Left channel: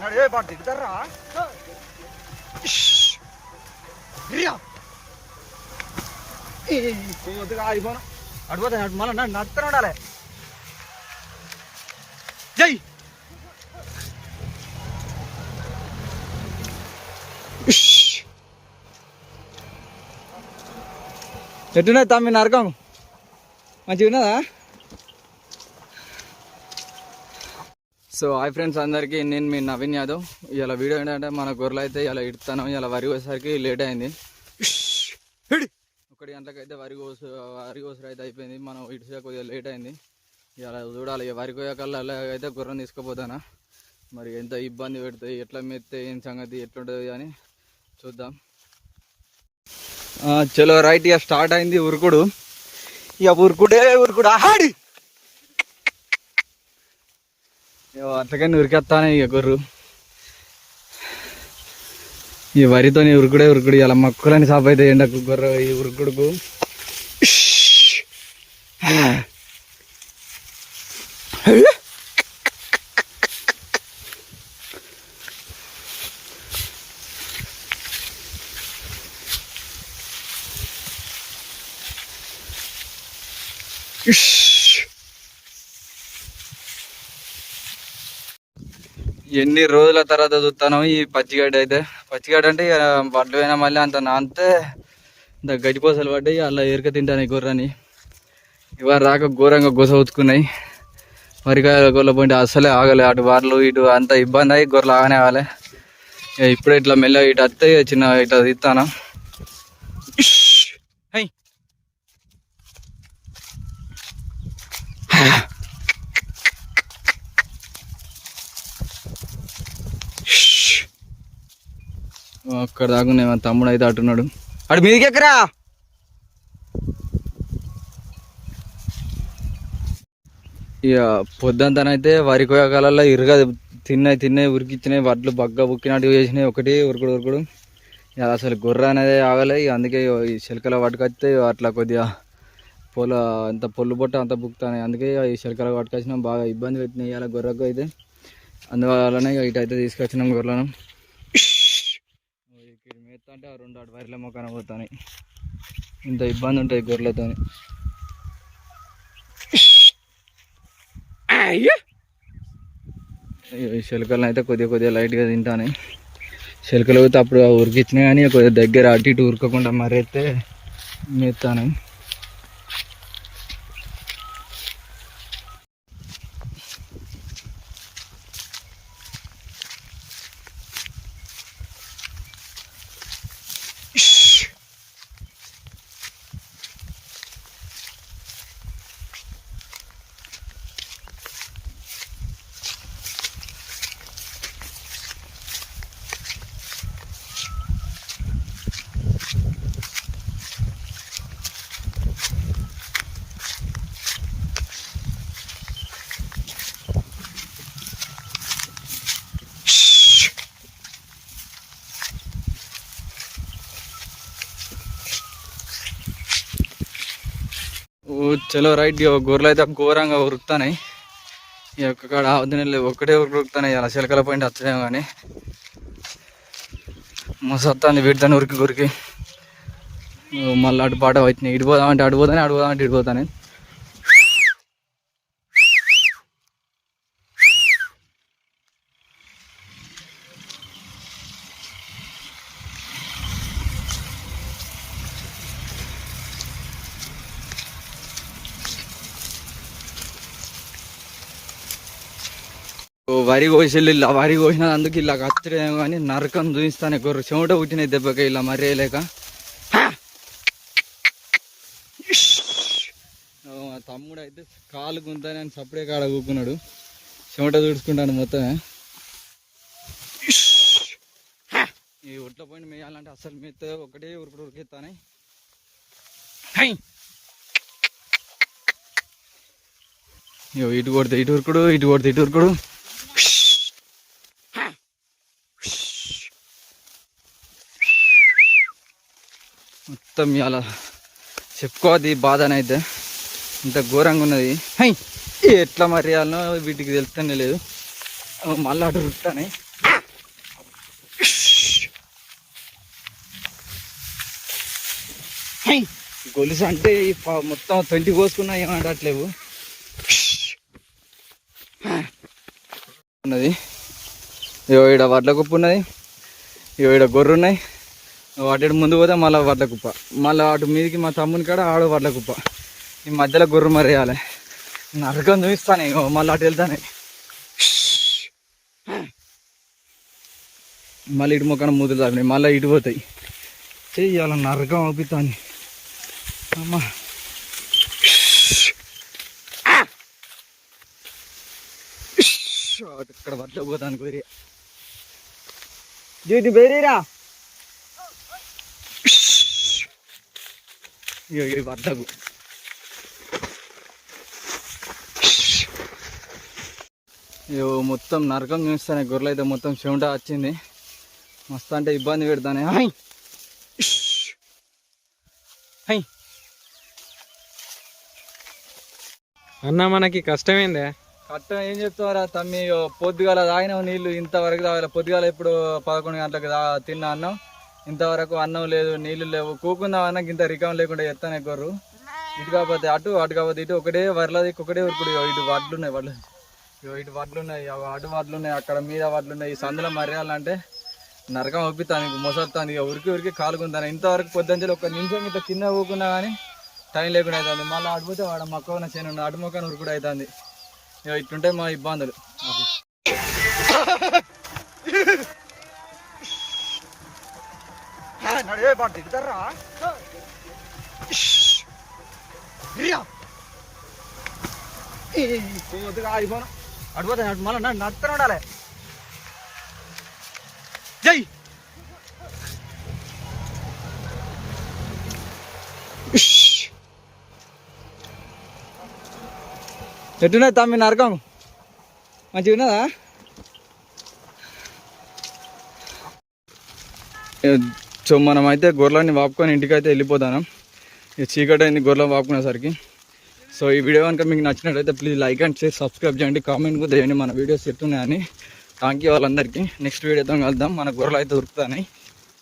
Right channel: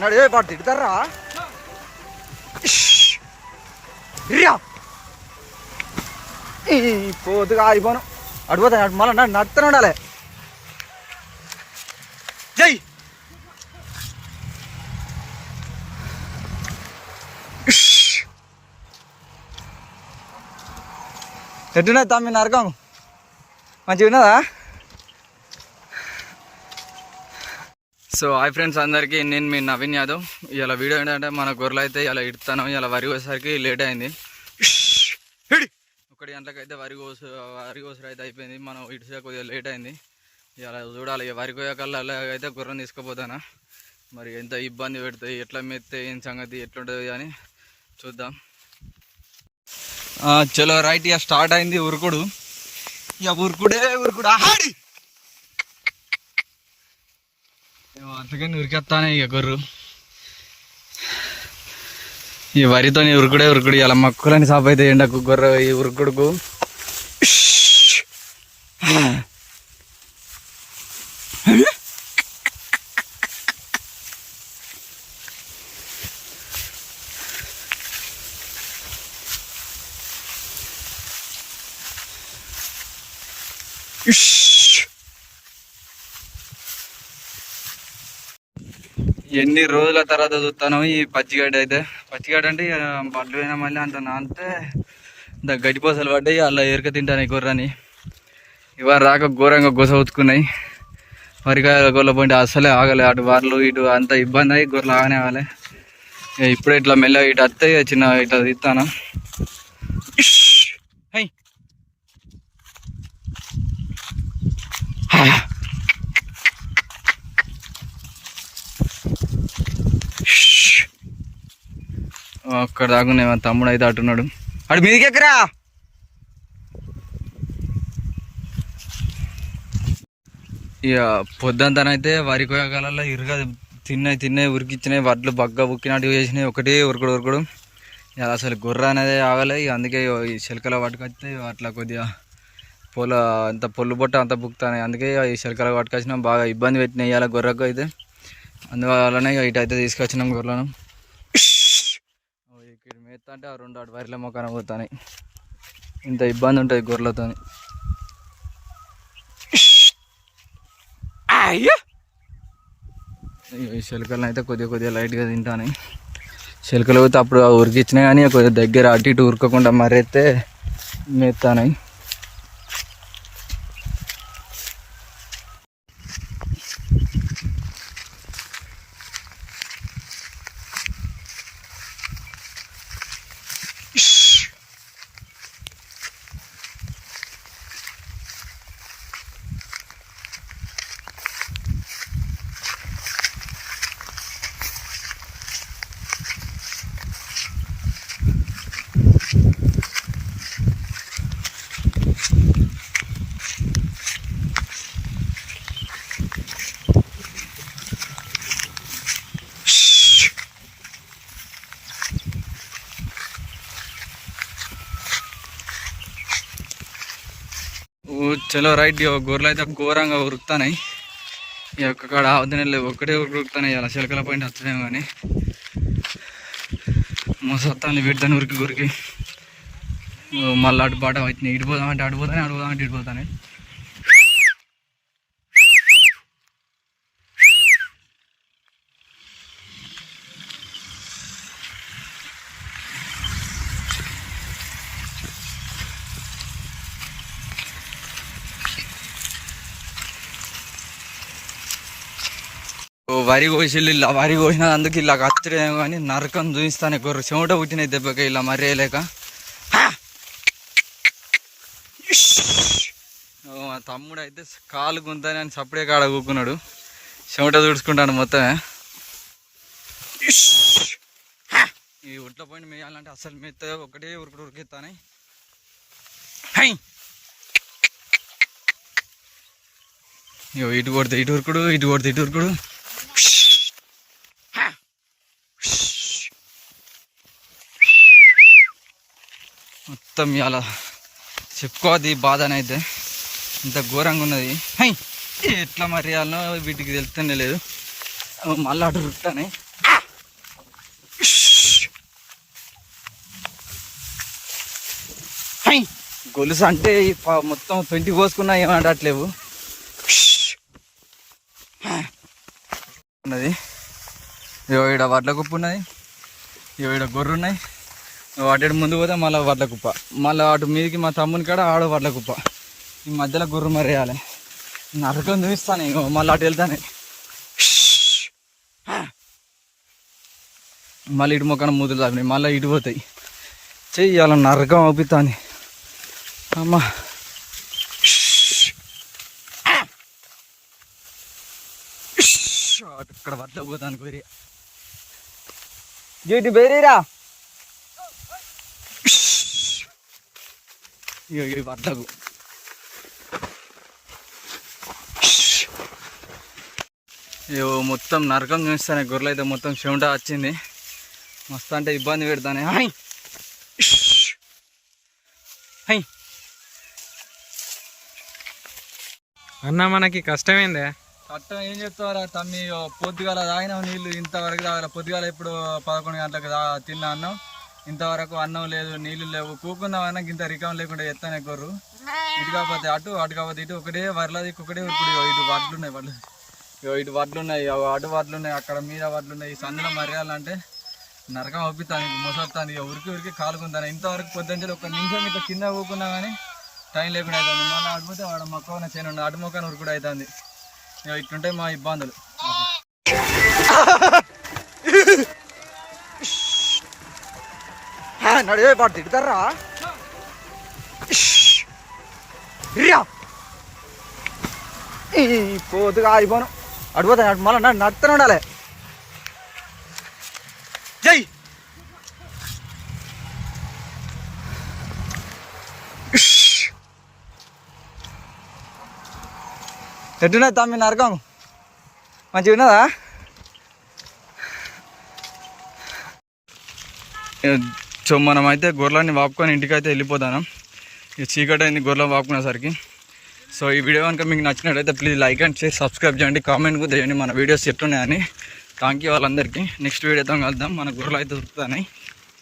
నడివే పాటు తిడతారా పోతుగా ఆగిపోను అడిపోతా మళ్ళీ నడుతూనే ఉండాలి. జై ఎట్టున్నది తమ్మి నరకం మంచిగా ఉన్నదా? సో హాయ్ ఫ్రెండ్స్ అందరికీ, నేను మీ నవీన్ యాదవ్. ఇలా వీడియో ఏంటంటే మన గొర్రెలు అయితే ఇలా ఇడతాను. ఇలా వరి కోసేసరికి లేట్ అయింది. 1 గంటలకు అయితే వరి కోసరు అయితే అయిపోయింది. మనం ఇటుసే కొద్దిగా లేట్ అయింది. ఇలా చూడాలి వరి కోయకల్లా అయితే గుర్రం తీసుకుపోతానా, మరి ఎంత ఇబ్బంది పెడతాయి, ఎట్లా మెత్తే ఏం సంగతి ఎట్లుంటుంది అని చూద్దాం. చలో రైట్, ఇక స్టార్ట్ అయింది ఉరుకుడు. ఇక ఉరుకుడు ఆడి అట్లకని ఉరికేస్తానే ఇక గొర్రు. ఈ వరితో ఉరుకుడు ఇలా మక్కులని సాపు అయితే ఎండకు గొర్రె ఈ ఉరుకుడుకు. ఎన్ని రోజుల తర్వాత చూస్తాను ఈ పచ్చిగడ్డ అయితే. పచ్చిగడ్డ అంటే వడ్లు అయినా మళ్ళీ అంత నానితే గడ్డిపోసలు పడ్డాయి, అలా ఎరక తింటాను ఈ గొర్రెని. ఇవాళ రాక ఘోరంగా గొస ఉతుకున్నాయి. వరికాయ గొర్రెల పోయింటే అస్సలే ఆగలే, అటు వార్లు ఇటు అంత ఇబ్బంది అయ్యి గొర్రెలు ఆగనే ఆగలే. ఇప్పుడే ఇట్లా మెల్లగా ఇటు వస్తే చిన్న ఇట్లా తిస్తాను. అక్కడ దాకునే మా తమ్ముడు అయితే అటున్నాడు. అటు మీదికి ఎక్కరా. ఇక పొద్దంతనైతే వరి కోయకాలలో ఇరుగా తిన్నాయి ఉరికిచ్చినాయి, వడ్లు బగ్గ బుక్కినట్టు చేసినాయి. ఒకటే ఉరుకుడు. ఇక అసలు గొర్రె అనేది ఆగలే. ఇక అందుకే ఈ చిలకల పట్టుకొస్తే అట్లా కొద్దిగా అంత పొల్లు బొట్ట అంత బుక్తాయి. అందుకే ఈ చిలకల పట్టుకొచ్చినాం, బాగా ఇబ్బంది పెట్టినాయి ఇవాళ గొర్రెకు అయితే. అందువల్లనే ఇటు అయితే తీసుకొచ్చినాం గొర్రెలను. ఇక్కడ మేత అంటే 2 అటు వరిలో మొక్కన పోతాయి. ఇంత ఇబ్బంది ఉంటుంది గొర్రెలతో. ఈ చిలకలను అయితే కొద్దిగా లైట్గా తింటాను. చిలకలు పోతే అప్పుడు ఉరికిచ్చినాయి, కానీ కొద్దిగా దగ్గర అటు ఇటు ఉరకకుండా మరైతే మేతాను. చలో రైట్, గొర్రెలు అయితే ఘోరంగా ఉరుకుతాయి. ఈ ఒక్క కాడ ఆవుదినెళ్ళు ఒకటే ఉరుకుతాయి. అలా చిలకల పోయింట్ వస్తుందేమో కానీ మస్తు వీటితో ఉరికి మళ్ళీ అటు పాట వచ్చినాయి. ఇడిపోదామంటే అడిపోతానే ఇడిపోతానే. వరి కోసిళ్ళు ఇలా వరి కోసిన అందుకు ఇలా కచ్చడేమో కానీ నరకం చూపిస్తాను. గొర్రె చెమట పుట్టినాయి దెబ్బకి ఇలా మర్రేయలేక. మా తమ్ముడు అయితే కాలు గుంతని అని సప్పుడే కాడ కూకున్నాడు, చెమట తుడుచుకుంటాడు మొత్తమే. ఈ ఒట్ల పోయిన మేయాలంటే అసలు మెత్త ఒకటే ఉరికిస్తానే. ఇటు కొడితే ఇటు ఉరుకుడు, ఇటు కొడితే ఇటు ఉరుకుడు. మొత్తం ఇలా చెప్పుకోవద్దు ఈ బాధనైతే. ఇంత ఘోరంగా ఉన్నది. హై ఎట్లా మరి అన్నో వీటికి తెలుస్తూనే లేదు. మళ్ళీ అటు రుట్టానే గొలుసు అంటే మొత్తం 20 కోసుకున్నా ఏమనట్లేవు ఉన్నది. ఈడ వడ్ల కుప్ప ఉన్నది, ఈడ గొర్రె ఉన్నాయి. వాటి ముందు పోతే మళ్ళీ వడ్ల కుప్ప, మళ్ళీ అటు మీదకి మా తమ్ముని కాడ ఆడ వడ్ల కుప్ప. ఈ మధ్యలో గొర్రె మరి వేయాలి. నరకం చూపిస్తాను ఇక మళ్ళీ అటు వెళ్తానే. మళ్ళీ ఇటు మొక్కన మూతులు తాపినాయి, మళ్ళీ ఇటు పోతాయి. చెయ్యాల నరకం అవుతాను అమ్మా. ఇక్కడ వడ్ల పోతాను కోరి డ్యూటీ బేరీరా. వడ్లకు మొత్తం నరకం చూస్తానే. గొర్రెలు అయితే మొత్తం చెమట వచ్చింది, మస్తు అంటే ఇబ్బంది పెడతానే. అన్న మనకి కష్టమేందే? కష్టం ఏం చెప్తారా తమ్మి, పొద్దుగాల తాగినాం నీళ్ళు, ఇంతవరకు తాగాలి. పొద్దుగాల ఇప్పుడు 11 గంటలకు తిన్నా అన్నం, ఇంతవరకు అన్నం లేదు, నీళ్ళు లేవు. కూకుందామన్నా ఇంత రికం లేకుండా ఎత్తాను గొర్రు. ఇటు కాకపోతే అటు, అటు కాకపోతే ఇటు, ఒకటే వరలది ఒకటే ఉరుకుడు. ఇటు వడ్లున్నాయి, ఇటు వడ్లున్నాయి, అటు వడ్లున్నాయి, అక్కడ మీద వడ్లున్నాయి. ఈ సందులో మర్యాలంటే నరకం ఒప్పిస్తాను, మొసొస్తాను. ఇక ఉరికి కాలుకుంటాను. ఇంతవరకు పొద్దుంచి 1 నిమిషం ఇట్లా కింద పోకున్నా కానీ టైం లేకుండా అవుతుంది. మళ్ళీ అడిపోతే వాడు మొక్కన చేయను అటు మొక్కన ఉరుకుడు అవుతుంది. ఇక ఇట్లుంటాయి మా ఇబ్బందులు. నడివే పాటు తిడతారా పోతుగా ఆగిపోను. అడిపోతాయి అటు మళ్ళీ నడుతూనే ఉండాలి. జై ఎట్టున్నది తమ్మి నరకం? మంచిగా ఉన్నదా? సో మనం అయితే గొర్రెలని వాపుకొని ఇంటికైతే వెళ్ళిపోతాను. ఇక చీకటి అయింది గొర్రెలు వాపుకునేసరికి. సో ఈ వీడియో కనుక మీకు నచ్చినట్టయితే please like and share, subscribe చేయండి, కామెంట్ కూడా చేయండి మన వీడియోస్ ఎట్టున్నాయని. థ్యాంక్ యూ వాళ్ళందరికీ. నెక్స్ట్ వీడియోతో కలుద్దాం. మన గొర్రెలు అయితే దొరుకుతాయి.